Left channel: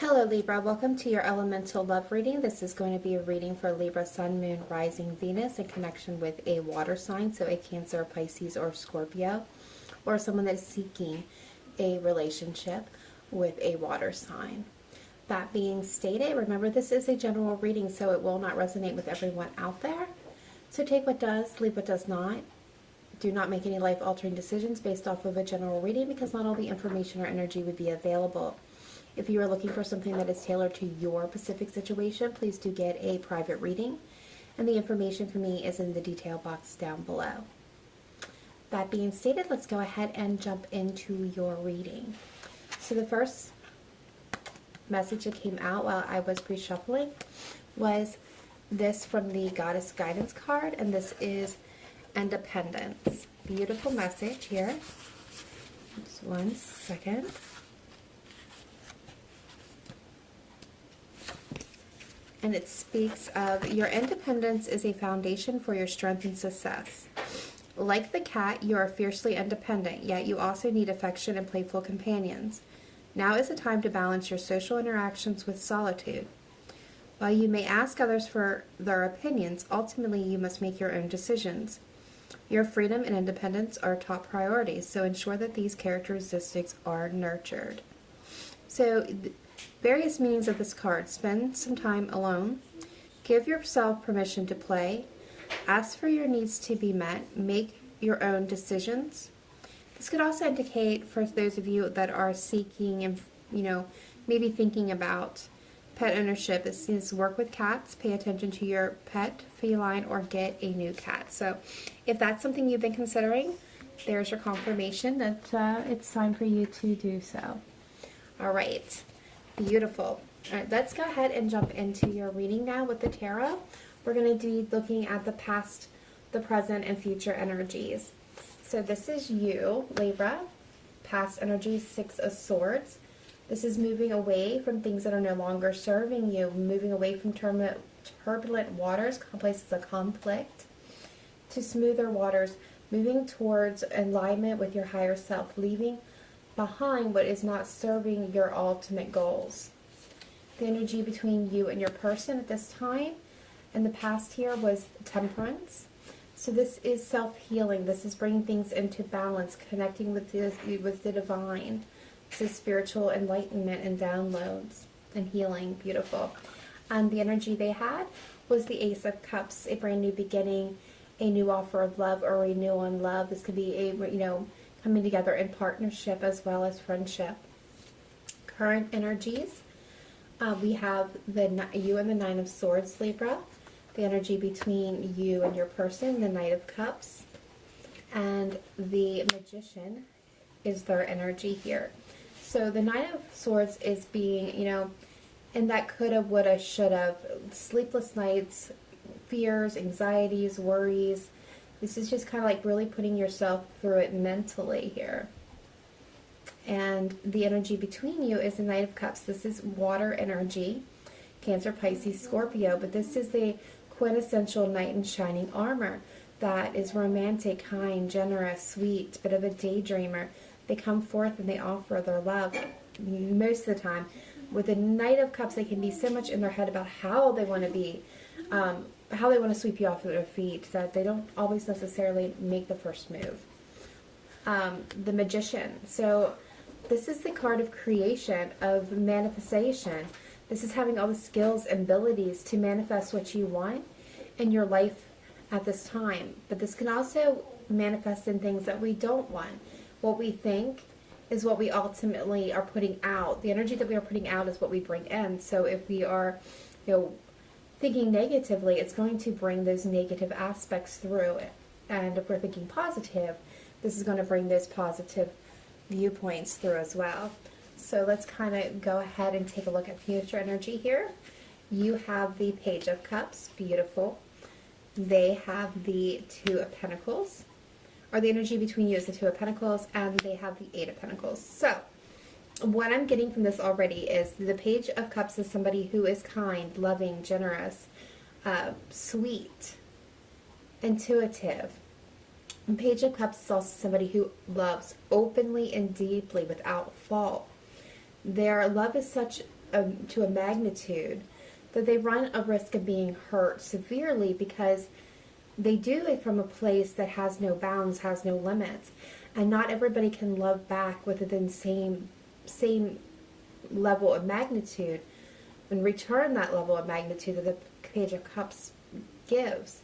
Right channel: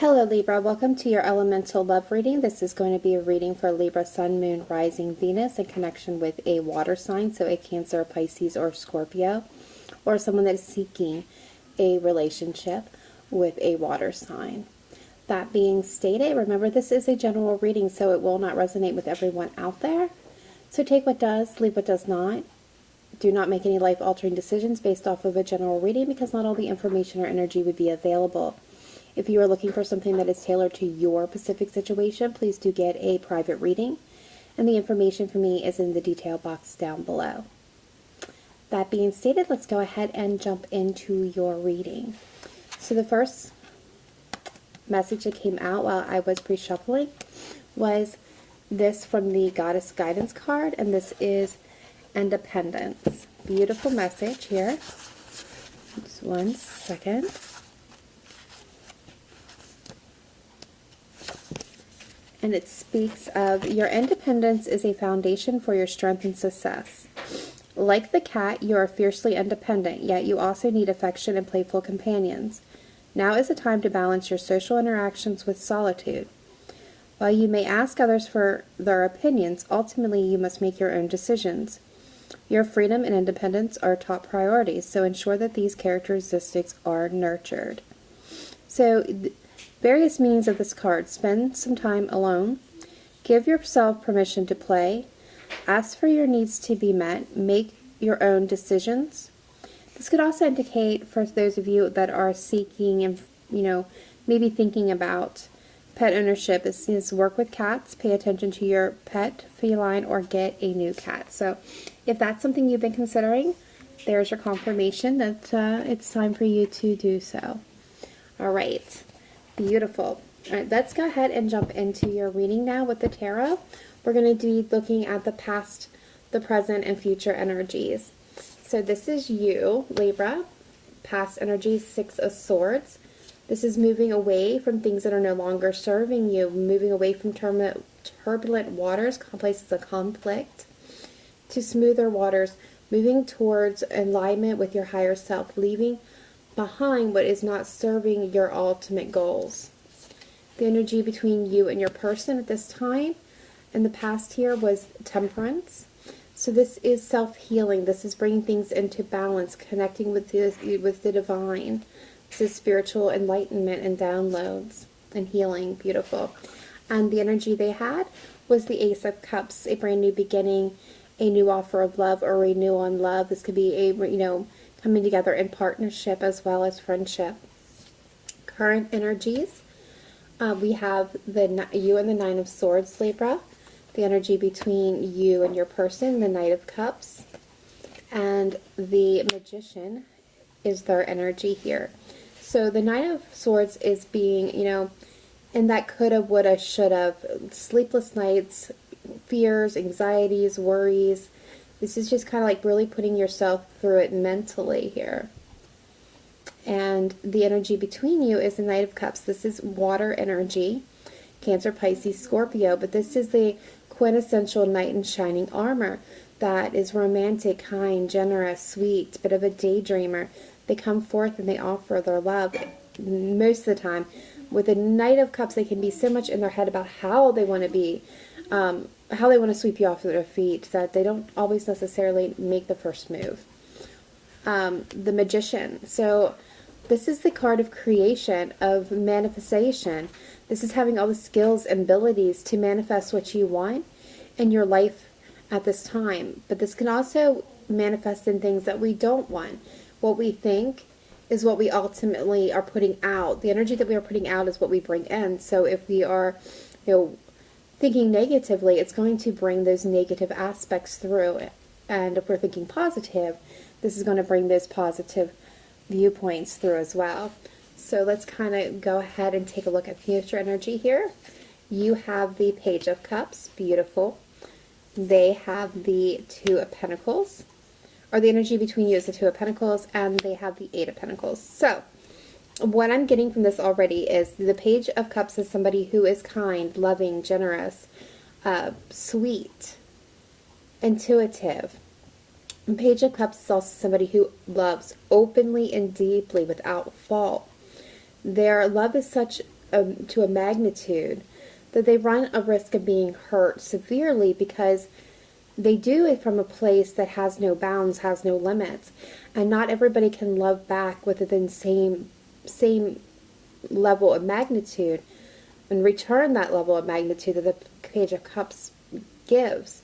Hello Libra, welcome to your elemental love reading. This is going to be a reading for Libra, Sun, Moon, Rising, Venus in connection with a water sign, so a Cancer, Pisces, or Scorpio, or someone that is seeking a relationship with a water sign. That being stated, remember this is a general reading, so it will not resonate with everyone out there. So take what does, leave what does not. Do not make any life-altering decisions based off of a general reading because not all the information or energy would be available. If you are looking for something that is tailored to your specific situation, please do get a private reading. And the information for me is in the detail box down below. That being stated, let's go ahead and jump into your reading. So the first message that came out while I was pre-shuffling was this from the Goddess Guidance card, and this is Independence. Beautiful message here. Just one second. And it speaks of your independence is a foundation for your strength and success. Like the cat, you are fiercely independent, yet you also need affection and playful companions. Now is the time to balance your social interactions with solitude. While you may ask others for their opinions, ultimately you must make your own decisions. Your freedom and independence are top priorities, so ensure that these characteristics are nurtured. So, various meanings of this card. Spend some time alone. Give yourself permission to play. Ask for your needs to be met. Make your own decisions. This could also indicate for those of you that are seeking and, maybe thinking about pet ownership, is work with cats. Pay attention to your pet, feline, or get a new cat. So if that's something you've been considering, there's your confirmation that it's time for you to do so. All right. Beautiful. All right, let's go ahead and jump into your reading now with the tarot. We're going to be looking at the past, the present, and future energies. So this is you, Libra. Past energies, Six of Swords. This is moving away from things that are no longer serving you, moving away from turbulent waters, places of conflict, to smoother waters, moving towards alignment with your higher self, leaving behind what is not serving your ultimate goals. The energy between you and your person at this time in the past here was Temperance. So this is self-healing. This is bringing things into balance, connecting with the divine. This is spiritual enlightenment and downloads and healing. Beautiful. And the energy they had was the Ace of Cups, a brand new beginning, a new offer of love or renewal on love. This could be a, coming together in partnership as well as friendship. Current energies, we have you and the Nine of Swords, Libra. The energy between you and your person, the Knight of Cups. And the Magician is their energy here. So the Knight of Swords is being, in that coulda, woulda, shoulda, sleepless nights, fears, anxieties, worries. This is just kind of like really putting yourself through it mentally here. And the energy between you is the Knight of Cups. This is water energy, Cancer, Pisces, Scorpio, but this is the quintessential knight in shining armor that is romantic, kind, generous, sweet, bit of a daydreamer. They come forth and they offer their love most of the time. With the Knight of Cups, they can be so much in their head about how they want to be, how they want to sweep you off of their feet, that they don't always necessarily make the first move. The Magician. So this is the card of creation, of manifestation. This is having all the skills and abilities to manifest what you want in your life at this time. But this can also manifest in things that we don't want. What we think is what we ultimately are putting out. The energy that we are putting out is what we bring in. So if we are, thinking negatively, it's going to bring those negative aspects through. And if we're thinking positive, this is going to bring those positive viewpoints through as well. So let's kind of go ahead and take a look at future energy here. You have the Page of Cups. Beautiful. They have the Two of Pentacles. Or the energy between you is the Two of Pentacles, and they have the Eight of Pentacles. So what I'm getting from this already is the Page of Cups is somebody who is kind, loving, generous, sweet, intuitive. And Page of Cups is also somebody who loves openly and deeply without fault. Their love is such to a magnitude that they run a risk of being hurt severely, because they do it from a place that has no bounds, has no limits, and not everybody can love back within the same level of magnitude and return that level of magnitude that the Page of Cups gives.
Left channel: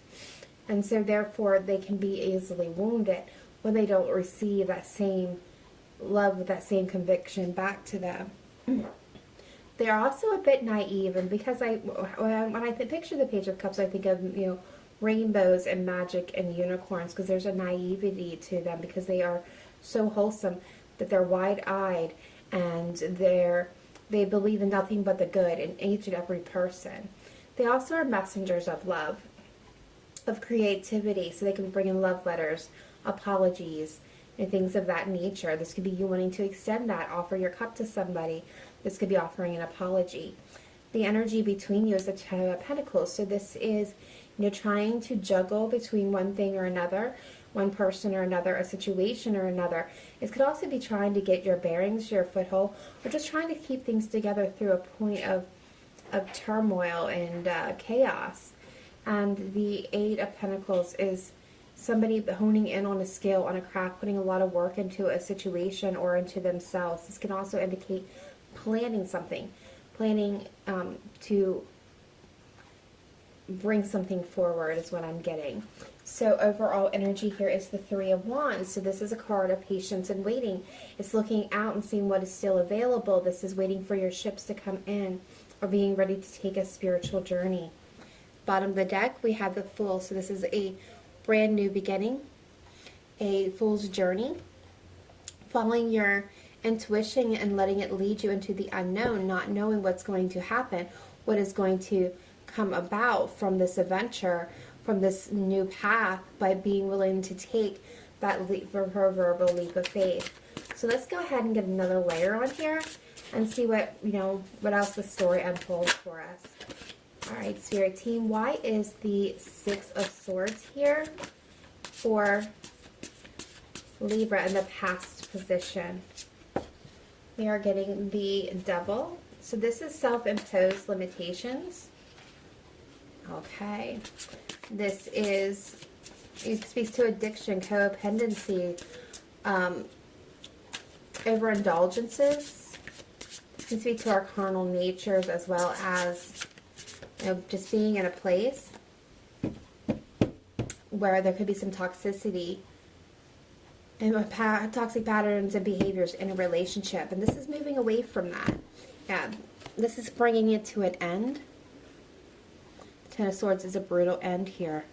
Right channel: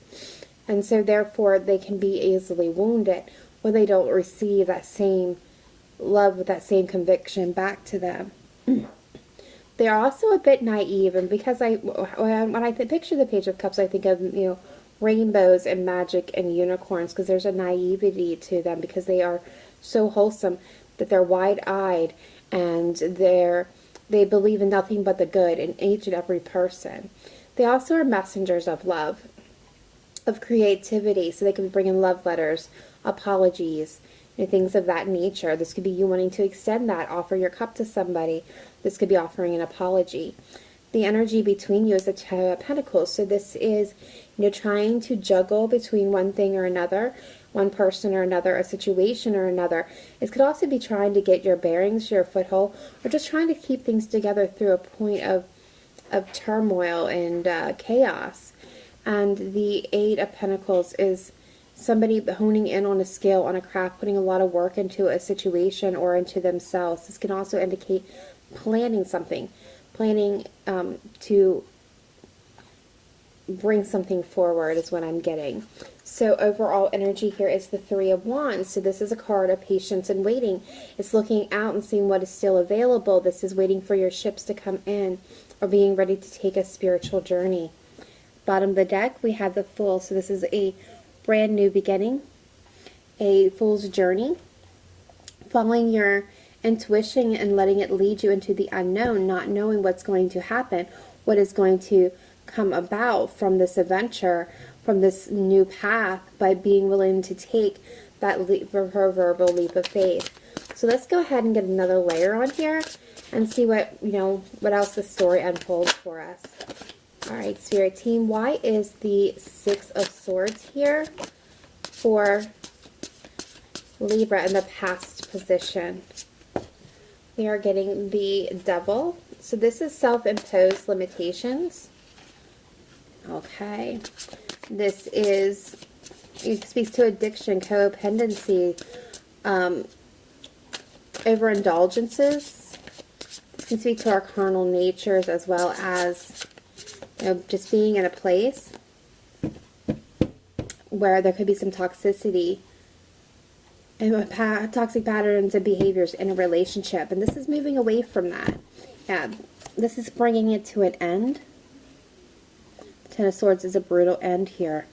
And so therefore they can be easily wounded when they don't receive that same love with that same conviction back to them. They're also a bit naive, and because when I picture the Page of Cups, I think of, rainbows and magic and unicorns, because there's a naivety to them, because they are so wholesome that they're wide-eyed, and they believe in nothing but the good in each and every person. They also are messengers of love, of creativity, so they can bring in love letters, apologies, and things of that nature. This could be you wanting to extend that, offer your cup to somebody. This could be offering an apology. The energy between you is the Ten of Pentacles, so this is, trying to juggle between one thing or another, one person or another, a situation or another. It could also be trying to get your bearings, your foothold, or just trying to keep things together through a point of turmoil and chaos. And the Eight of Pentacles is somebody honing in on a skill, on a craft, putting a lot of work into a situation or into themselves. This can also indicate planning something, planning to bring something forward is what I'm getting. So overall energy here is the Three of Wands. So this is a card of patience and waiting. It's looking out and seeing what is still available. This is waiting for your ships to come in, or being ready to take a spiritual journey. Bottom of the deck, we have the Fool. So this is a brand new beginning, a fool's journey, following your intuition and letting it lead you into the unknown, not knowing what's going to happen, what is going to come about from this adventure, from this new path, by being willing to take that leap, proverbial leap of faith. So let's go ahead and get another layer on here and see what else the story unfolds for us. All right, Spirit Team, why is the Six of Swords here for Libra in the past position? We are getting the Devil. So this is self-imposed limitations. Okay. This is, it speaks to addiction, codependency, overindulgences. This can speak to our carnal natures, as well as just being in a place where there could be some toxicity and toxic patterns and behaviors in a relationship. And this is moving away from that. Yeah, this is bringing it to an end. Ten of Swords is a brutal end here.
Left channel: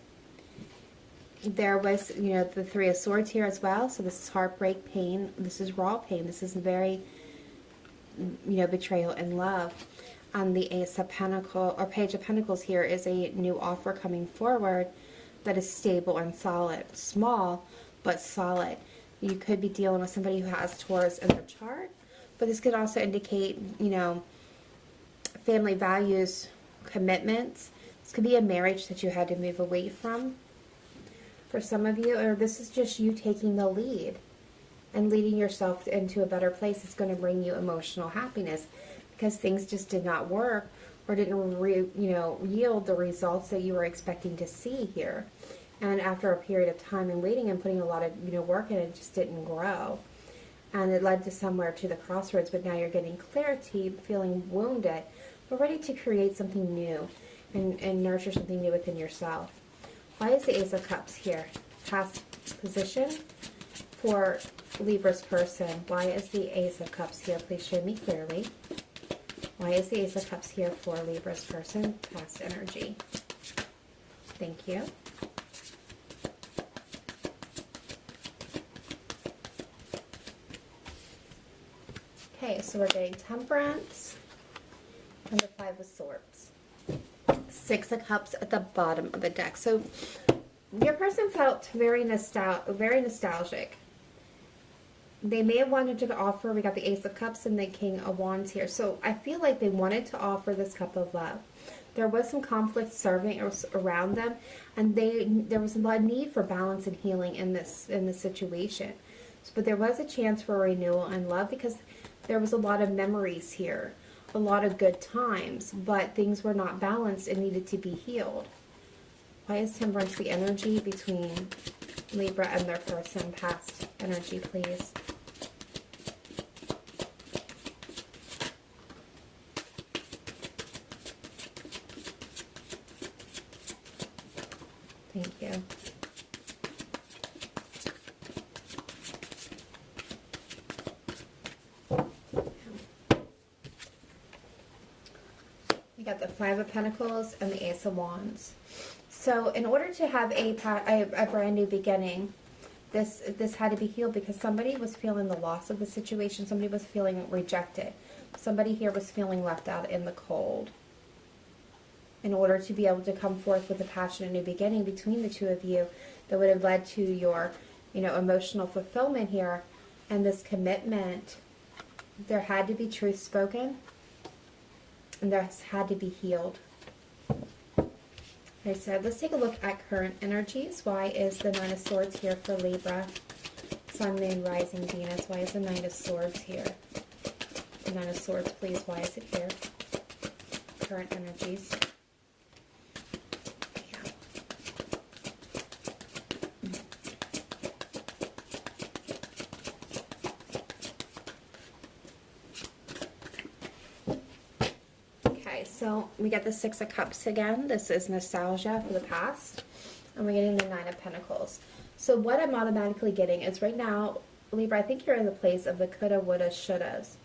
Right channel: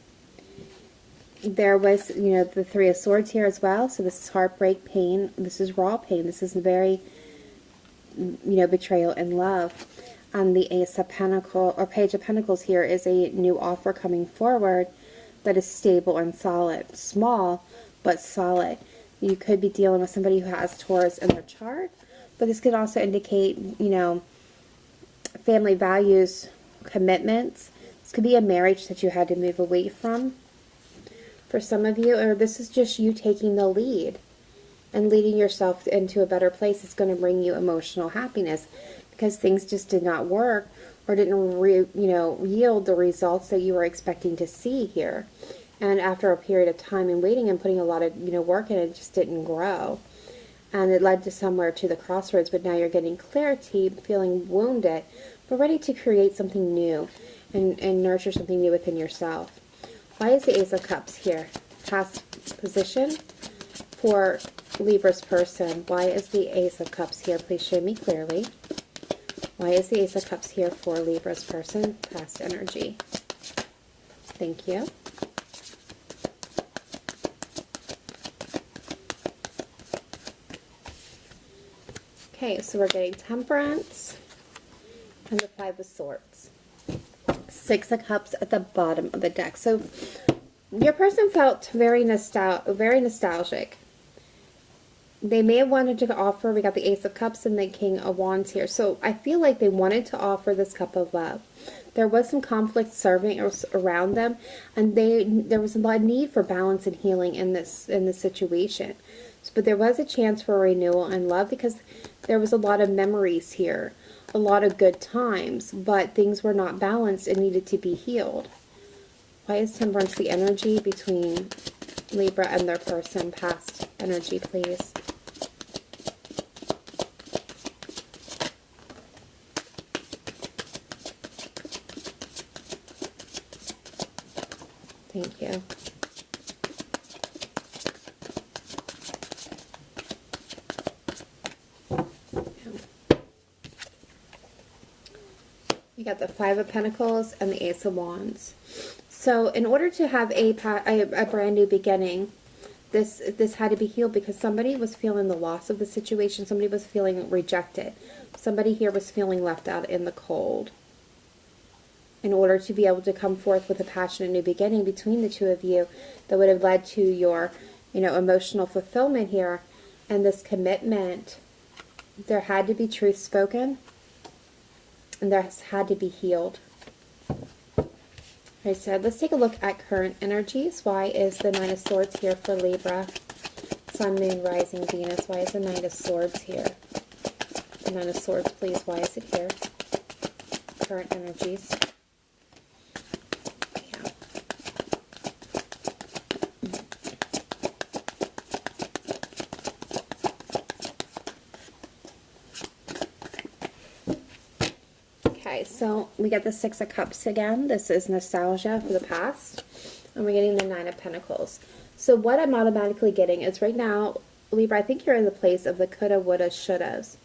There was, the Three of Swords here as well. So this is heartbreak, pain. This is raw pain. This is very, betrayal in love. On the Ace of Pentacles, or Page of Pentacles here, is a new offer coming forward that is stable and solid. Small, but solid. You could be dealing with somebody who has Taurus in their chart, but this could also indicate, family values, commitments. This could be a marriage that you had to move away from for some of you, or this is just you taking the lead and leading yourself into a better place. It's going to bring you emotional happiness because things just did not work, or didn't yield the results that you were expecting to see here. And after a period of time and waiting and putting a lot of work in, it just didn't grow. And it led to somewhere to the crossroads, but now you're getting clarity, feeling wounded, but ready to create something new and nurture something new within yourself. Why is the Ace of Cups here? Past position for Libra's person. Why is the Ace of Cups here? Please show me clearly. Why is the Ace of Cups here for Libra's person? Past energy. Thank you. Okay, so we're getting Temperance and the Five of Swords. Six of Cups at the bottom of the deck. So your person felt very nostalgic. They may have wanted to offer, we got the Ace of Cups and the King of Wands here. So I feel like they wanted to offer this cup of love. There was some conflict serving around them, and there was a lot of need for balance and healing in this situation. But there was a chance for renewal and love, because There was a lot of memories here, a lot of good times, but things were not balanced and needed to be healed. Why is Temperance the energy between Libra and their person? Past energy, please. Thank you. You got the Five of Pentacles and the Ace of Wands. So in order to have a brand new beginning, this had to be healed because somebody was feeling the loss of the situation. Somebody was feeling rejected. Somebody here was feeling left out in the cold. In order to be able to come forth with a passionate new beginning between the two of you that would have led to your, emotional fulfillment here and this commitment, there had to be truth spoken and this had to be healed. I said, let's take a look at current energies. Why is the Nine of Swords here for Libra? Sun, Moon, Rising, Venus. Why is the Knight of Swords here? The Nine of Swords, please. Why is it here? Current energies. So we got the Six of Cups again. This is nostalgia for the past. And we're getting the Nine of Pentacles. So what I'm automatically getting is right now, Libra, I think you're in the place of the coulda, woulda, shouldas.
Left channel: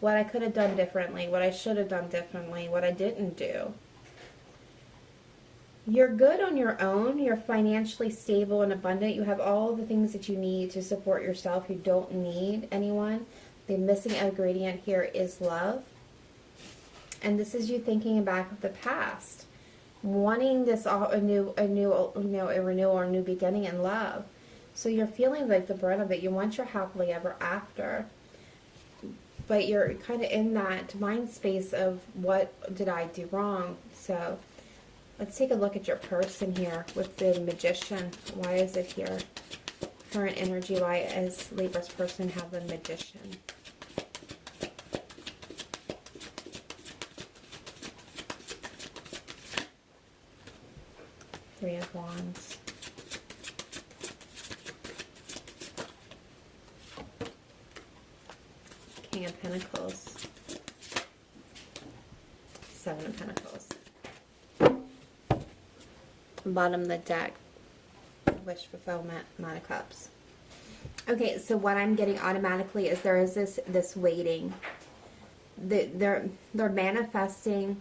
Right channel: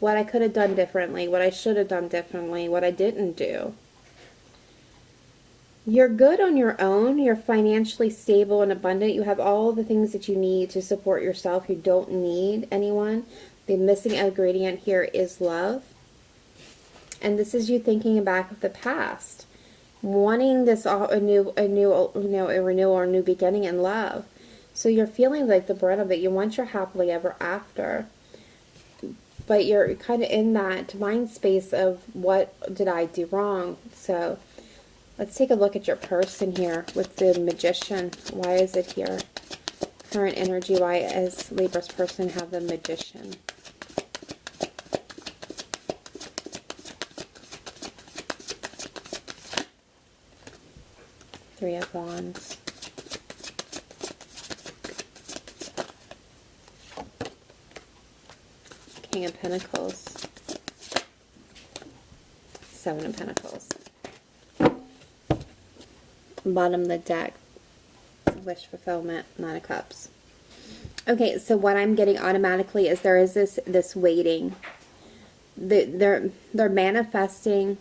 What I could have done differently, what I should have done differently, what I didn't do. You're good on your own. You're financially stable and abundant. You have all the things that you need to support yourself. You don't need anyone. The missing ingredient here is love. And this is you thinking back of the past, wanting this a renewal or a new beginning in love. So you're feeling like the brunt of it. You want your happily ever after, but you're kind of in that mind space of what did I do wrong? So let's take a look at your person here with the Magician. Why is it here? Current energy. Why does Libra's person have the Magician? Three of Wands. King of Pentacles. Seven of Pentacles. Bottom of the deck. Wish fulfillment. Nine of Cups. Okay, so what I'm getting automatically is there is this waiting. They're manifesting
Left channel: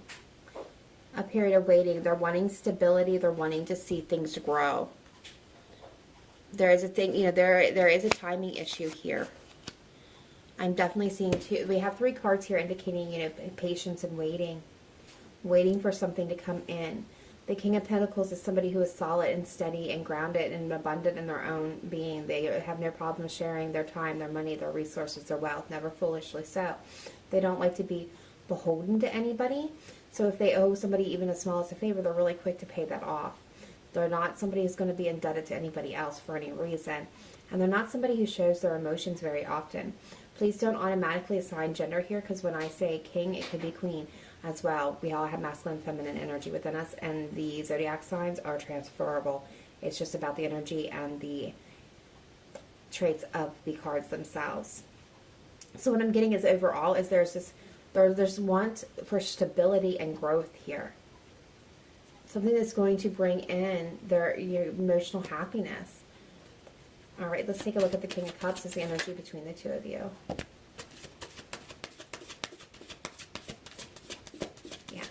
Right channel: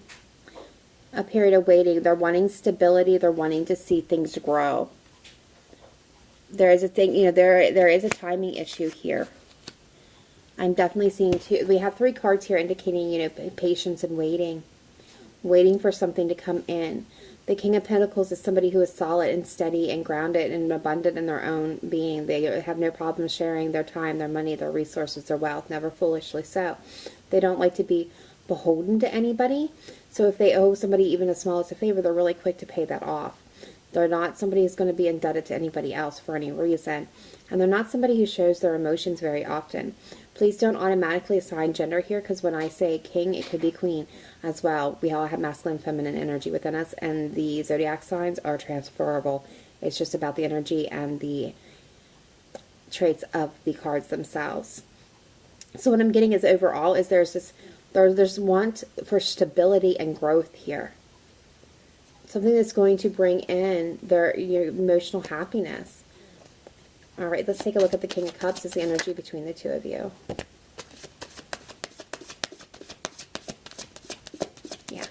a period of waiting. They're wanting stability. They're wanting to see things grow. There is a thing, there is a timing issue here. I'm definitely seeing two. We have three cards here indicating, patience and waiting. Waiting for something to come in. The King of Pentacles is somebody who is solid and steady and grounded and abundant in their own being. They have no problem sharing their time, their money, their resources, their wealth, never foolishly so. They don't like to be beholden to anybody. So if they owe somebody even the smallest of favor, they're really quick to pay that off. They're not somebody who's going to be indebted to anybody else for any reason. And they're not somebody who shows their emotions very often. Please don't automatically assign gender here, because when I say king, it could be queen as well. We all have masculine and feminine energy within us, and the zodiac signs are transferable. It's just about the energy and the traits of the cards themselves. So what I'm getting is overall is there's want for stability and growth here. Something that's going to bring in your emotional happiness. All right, let's take a look at the King of Cups as the energy between the two of you. Yeah.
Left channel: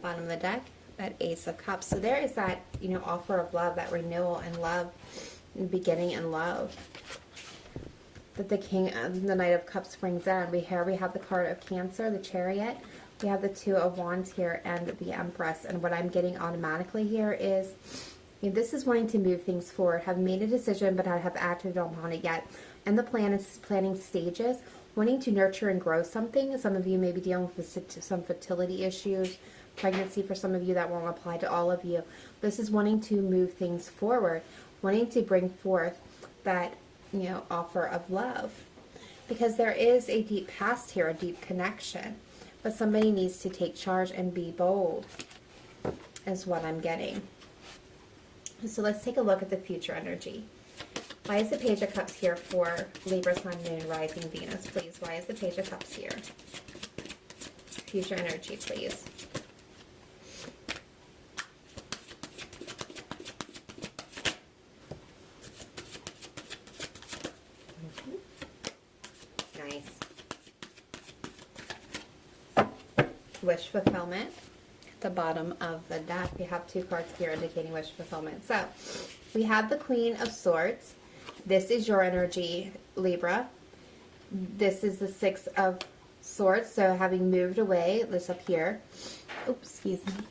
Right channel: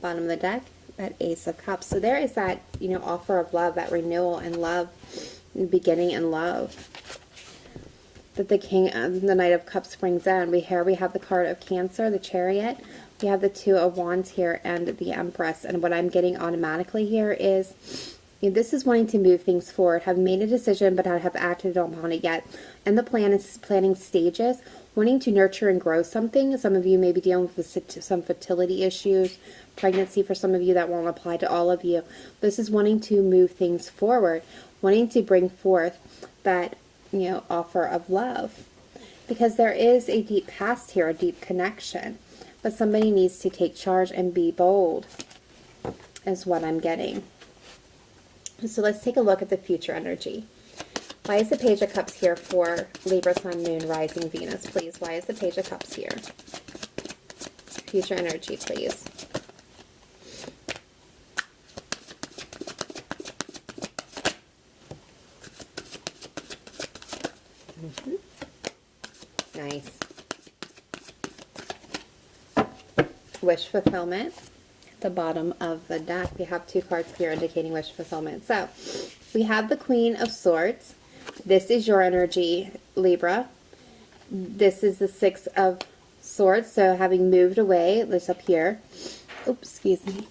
Bottom of the deck, that Ace of Cups. So there is that, offer of love, that renewal and love, beginning in love, that the Knight of Cups brings in. We have the card of Cancer, the Chariot. We have the Two of Wands here and the Empress. And what I'm getting automatically here is, this is wanting to move things forward, have made a decision but not have acted upon it yet. And the planning stages, wanting to nurture and grow something. Some of you may be dealing with some fertility issues, pregnancy for some of you. That won't apply to all of you. This is wanting to move things forward, wanting to bring forth that, offer of love. Because there is a deep past here, a deep connection. But somebody needs to take charge and be bold, is what I'm getting. So let's take a look at the future energy. Why is the Page of Cups here for Libra, Sun, Moon, Rising, Venus, please? Why is the Page of Cups here? Future energy, please. Nice. Wish fulfillment. The bottom of the deck, we have 2 cards here indicating wish fulfillment. So we have the Queen of Swords. This is your energy, Libra. This is the 6 of Swords. So having moved away, this up here. Oops, excuse me.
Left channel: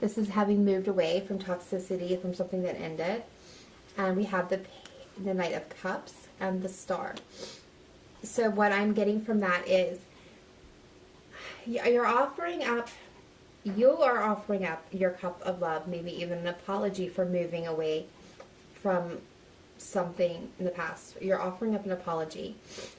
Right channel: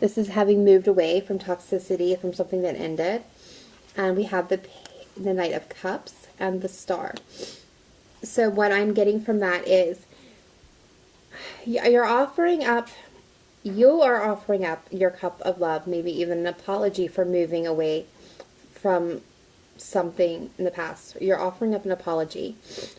This is having moved away from toxicity, from something that ended. And we have the Knight of Cups and the Star. So what I'm getting from that is you're offering up. You are offering up your cup of love, maybe even an apology for moving away from something in the past. You're offering up an apology.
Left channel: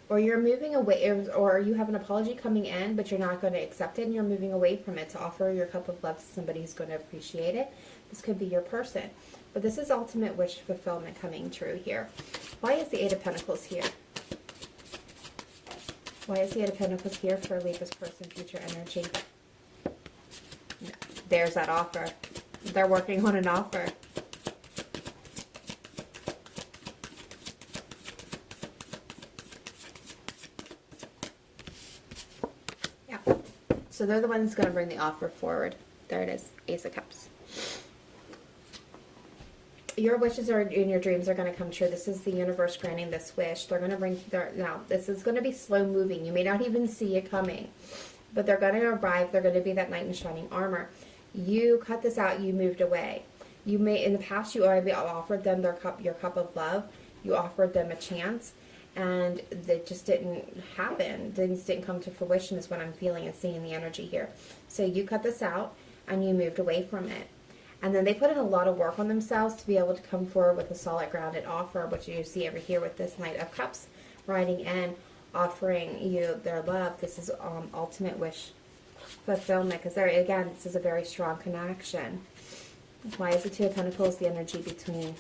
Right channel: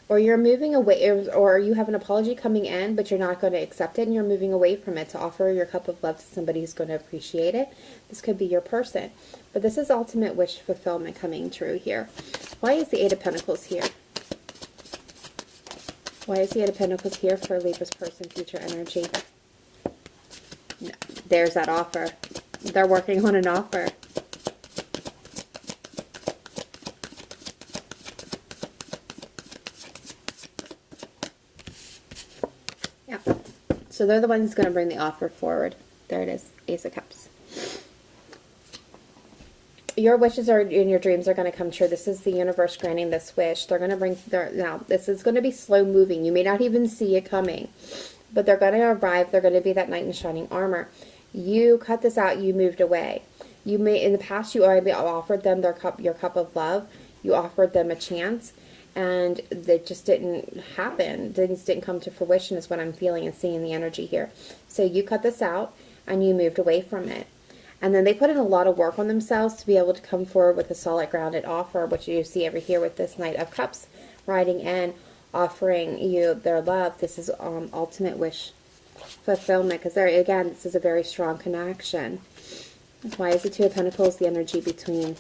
Or you're moving away, or you have an apology coming in, but you're not going to accept it, and you're moving away from it to offer your cup of love to somebody who's going to appreciate it. This could be your person. But this is ultimate wish fulfillment coming true here. Why is the 8 of Pentacles here? Why is the 8 of Pentacles here for Libra's person, future energy? There's that offer. They're working on an offer. Yeah. So they're the ones who's going to bring the offer forward. There it is. Ace of Cups. Your wishes are in your dreams are going to come true. This is the universe granting this wish. They're going to bring now this is going to be slow moving. You may not even see it coming, but they're going to arrive. They're going to be that knight in shining armor. You cut this out. You moved away. You may in the past you already offered them your cup of love. You offered them a chance, and it just didn't happen. Things didn't come to fruition. Is what I'm feeling and seeing the energy here. So you cut this out and you moved away from it. And then they put in a lot of work on themselves to be able to come forward with a solid, grounded offer, which you see over here with this Knight of Cups riding in, offering you their love. This is ultimate wish fulfillment, because again, this is a very strong connection. Why is the 2 of Pentacles the energy between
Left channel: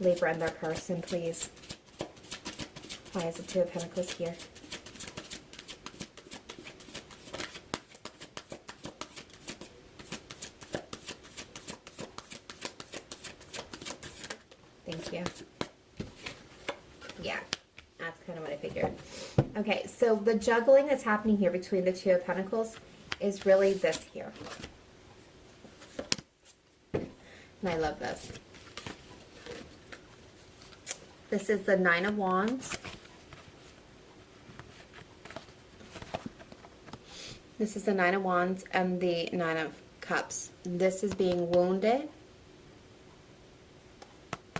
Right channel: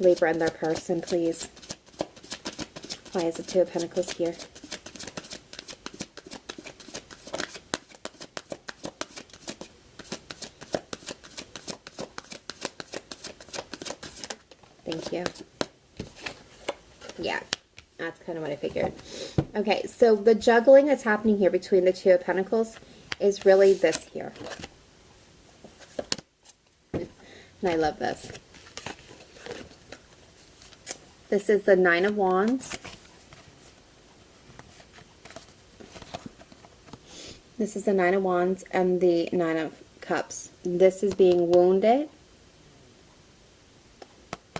Libra and their person, please? Why is the 2 of Pentacles here? Thank you. Yeah, that's kind of what I figured. Okay, so the juggling that's happening here between the 2 of Pentacles is really this here. And I love this. This is the 9 of Wands. This is the 9 of Wands and the 9 of Cups. This is being wounded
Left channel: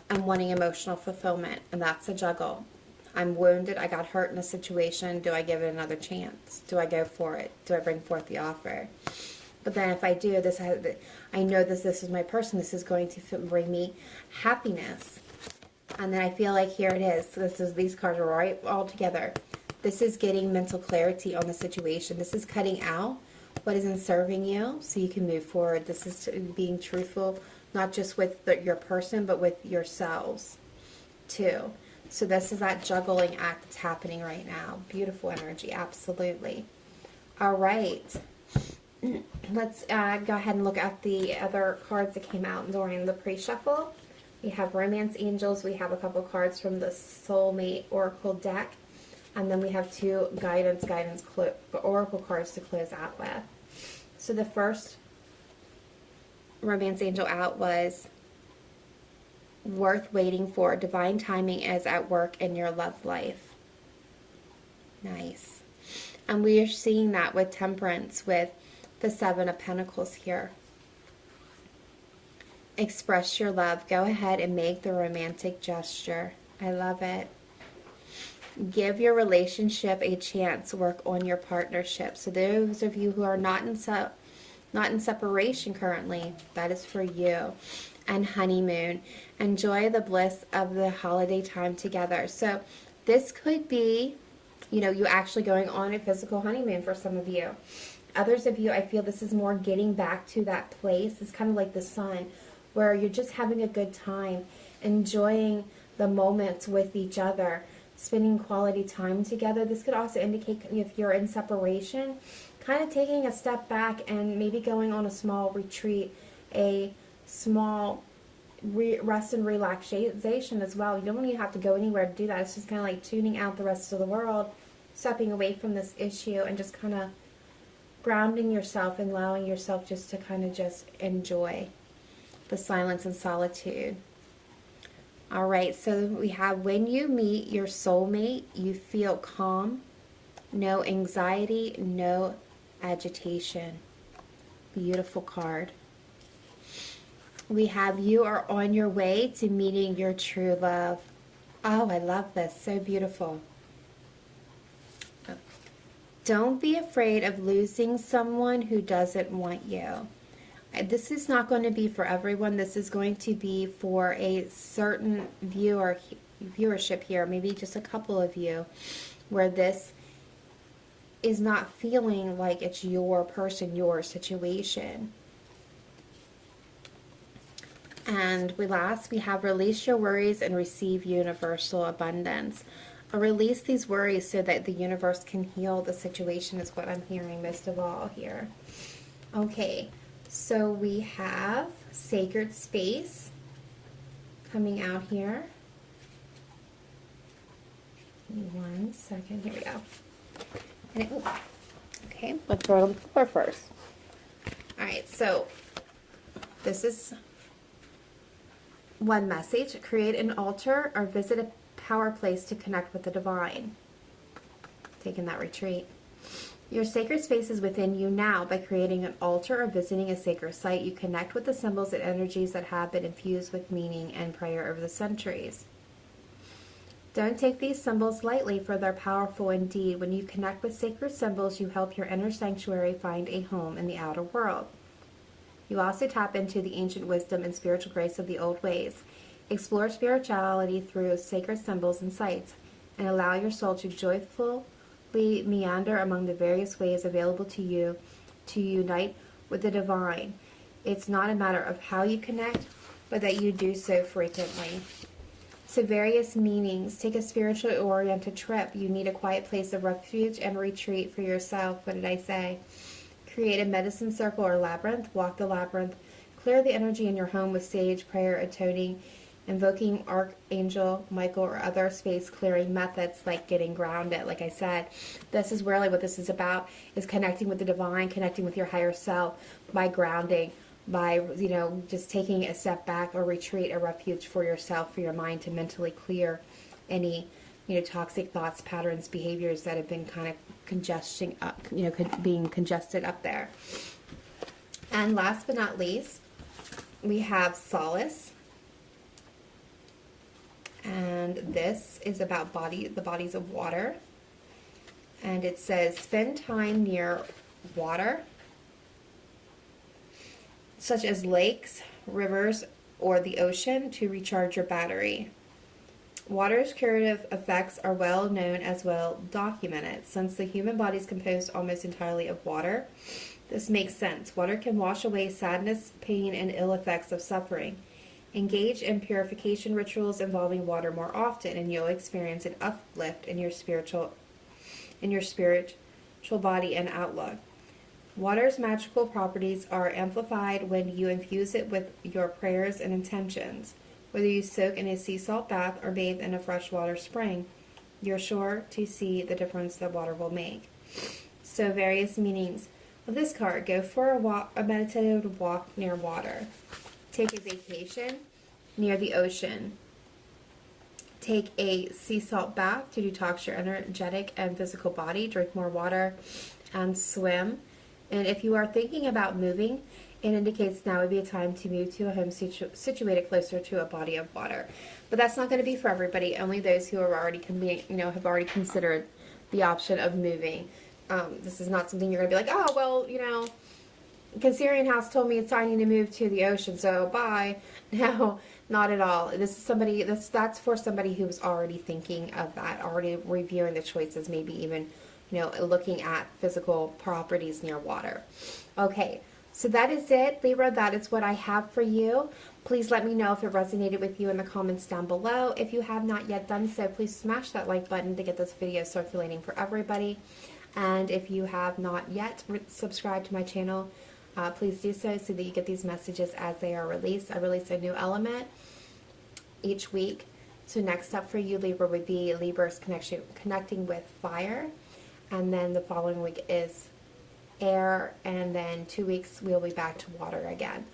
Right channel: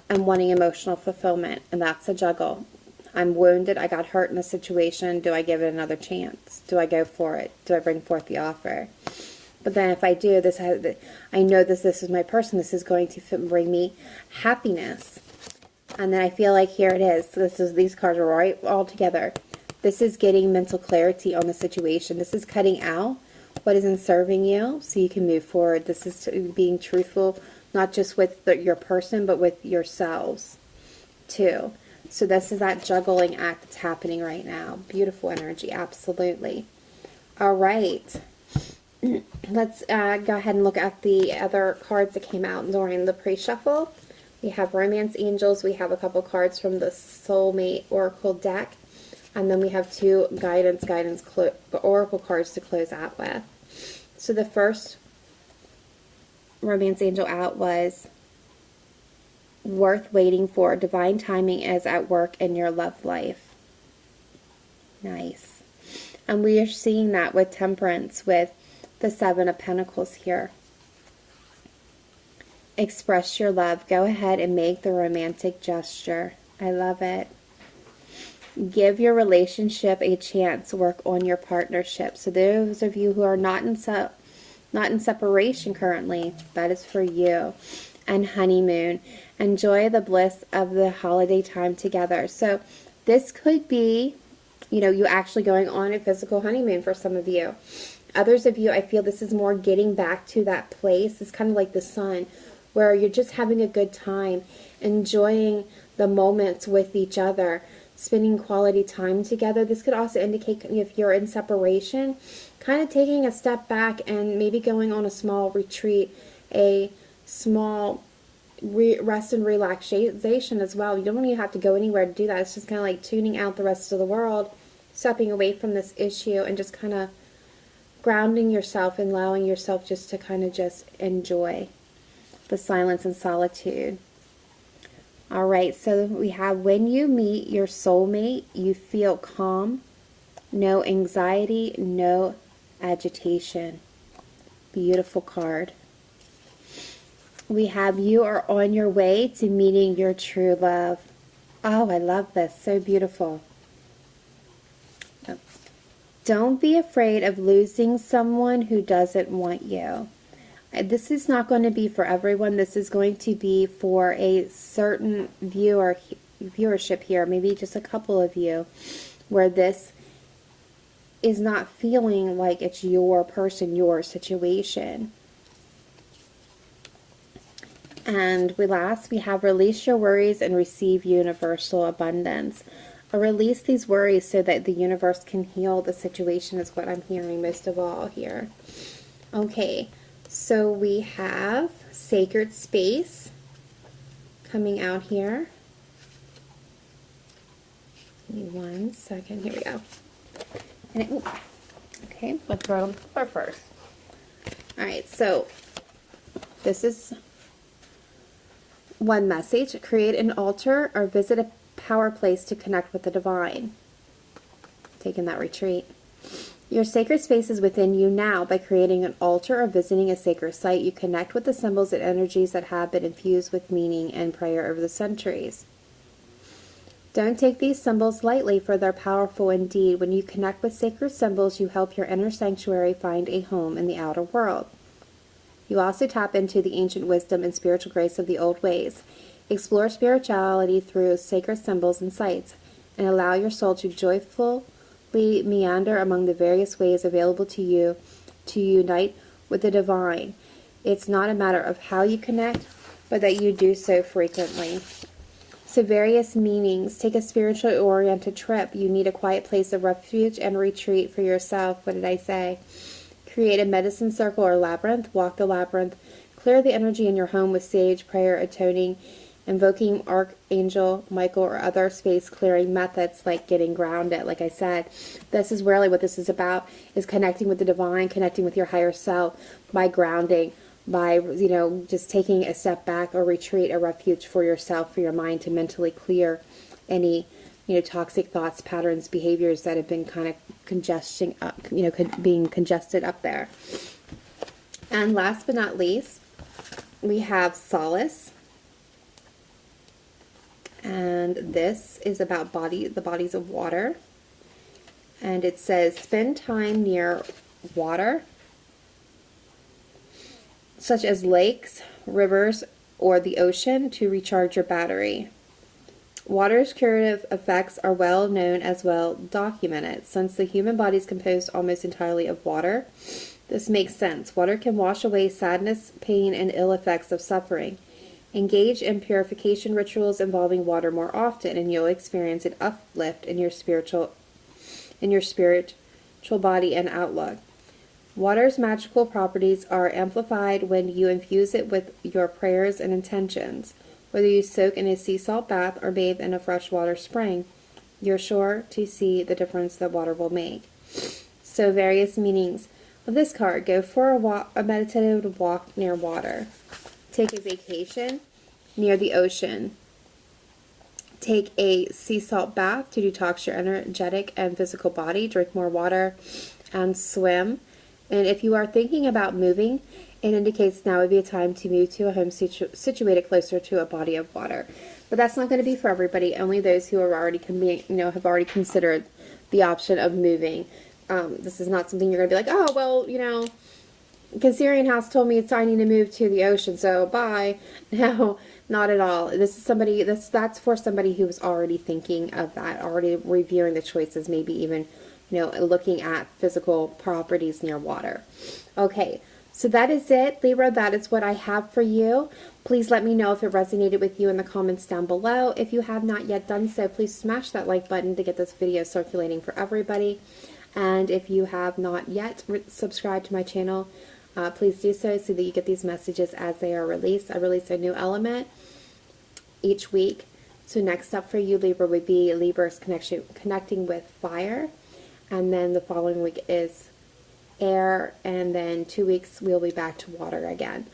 and wanting emotional fulfillment, and that's a juggle. I'm wounded. I got hurt in a situation. Do I give it another chance? Do I go for it? Do I bring forth the offer? But then if I do, I know this is my person. This is going to bring me happiness. And then I feel like here it is. These cards are right all together. This is getting mental clarity on the situation. This is cutting out what isn't serving you so you can move forward. This is being truthful, not just with your person, but with yourselves too. So this is that juggling act that's happening right now. Beautiful energy, absolutely. All right. Let's go ahead and look at the other cards that came out during the pre-shuffle. We have Romance Angels. We have a couple cards from the Soulmate Oracle deck. And then we have 2 Guidance Oracle cards to close out with. So the first Romance Angel out was worth waiting for. Divine timing is at work in your love life. Nice. And we are seeing that with Temperance with the 7 of Pentacles here. Express your love. Go ahead and make the romantic gesture. I love it. Give your relationship a chance. Work on your partnership. So those of you who are not in separation currently, that is for you. And honeymoon. Enjoy the bliss of the holiday time together. So this could be, you know, you actually going on a physical honeymoon for some of you. Others of you, I feel this is more getting back to that place. It's kind of like the sun, where you're just having a good time, enjoying the moments with each other, spending quality time together. This could also indicate, if you're in separation, kind of taking a step back and maybe going on a small retreat, a small rest and relaxation as well. You don't even have to go anywhere to do that. It's just kind of like tuning out the rest of the world, stepping away from this issue, and just kind of grounding yourself and allowing yourself just to kind of just enjoy the silence and solitude. All right, so we have, when you meet your soulmate, you feel calm, no anxiety, no agitation. Beautiful card. We have, you are on your way to meeting your true love. Oh, I love this. So beautiful. Don't be afraid of losing someone who doesn't want you. This is not going to be for everyone. This is going to be for a certain viewership here, maybe just a couple of you, where this is not feeling like it's your person, your situation. And last, we have, release your worries and receive universal abundance. Or release these worries so that the universe can heal the situation, is what I'm hearing most of all here. Okay. So we have sacred space coming out here. Give me 1 second. Here we go. Okay, let's throw it on the floor first. Alright, so this is one message. Create an altar or visit a power place to connect with the divine. Taking that retreat. Your sacred space is within you now. By creating an altar or visiting a sacred site, you connect with the symbols and energies that have been infused with meaning and prayer over the centuries. Don't take these symbols lightly, for they're powerful indeed. When you connect with sacred symbols, you help your inner sanctuary find a home in the outer world. You also tap into the ancient wisdom and spiritual grace of the old ways. Explore spirituality through sacred symbols and sites, and allow your soul to joyfully meander among the various ways available to you to unite with the divine. It's not a matter of how you connect, but that you do so frequently. So various meanings. Take a spiritually oriented trip. You need a quiet place of refuge and retreat for yourself. What did I say? Create a medicine circle or labyrinth. Walk the labyrinth. Clear the energy in your home with sage, prayer, atoning, invoking Archangel Michael, or other space clearing methods like getting grounded. Like I said, this is really what this is about, is connecting with the divine, connecting with your higher self by grounding, by, you know, just taking a step back or retreat, a refuge for yourself, for your mind, to mentally clear any, you know, toxic thoughts, patterns, behaviors that have been kind of congesting up, you know, being congested up there. And last but not least, we have solace. And this is about the bodies of water. And it says, spend time near water, such as lakes, rivers, or the ocean, to recharge your battery. Water's curative effects are well known, as well documented. Since the human body is composed almost entirely of water, this makes sense. Water can wash away sadness, pain, and ill effects of suffering. Engage in purification rituals involving water more often, and you'll experience an uplift in your spiritual body and outlook. Water's magical properties are amplified when you infuse it with your prayers and intentions. Whether you soak in a sea salt bath or bathe in a freshwater spring, you're sure to see the difference that water will make. So, various meanings of this card. Go for a meditative walk near water. Take a vacation near the ocean. Take a sea salt bath to detox your energetic and physical body. Drink more water and swim. And if you are thinking about moving, it indicates now would be a time to move to a home situated closer to a body of water. But that's not going to be for everybody. Only those who are already have already considered the option of moving. This is not something you're going to be like, oh, well, Cancerian house told me it's I need to move to the ocean, so bye. No, not at all. This is somebody, that's for somebody who's already thinking of that, already reviewing the choices, maybe even, looking at physical properties near water. Okay, so that is it, Libra. That is what I have for you. Please let me know if it resonated with you in the comments down below. If you have not yet done so, please smash that like button to get this video circulating for everybody. And if you have not yet subscribed to my channel, please do so that you get these messages as they are released. I release a new element each week. So next up for you, Libra, would be Libra's connecting with fire. And then the following week is air. And then 2 weeks, we'll be back to water again.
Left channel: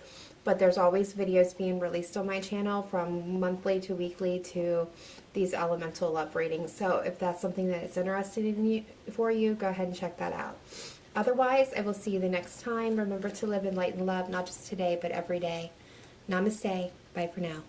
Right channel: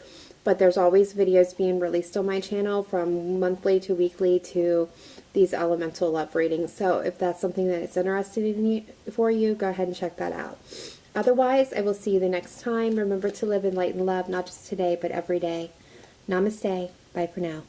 But there's always videos being released on my channel from monthly to weekly to these elemental love readings. So if that's something that is interesting for you, go ahead and check that out. Otherwise, I will see you the next time. Remember to live in light and love, not just today, but every day. Namaste. Bye for now.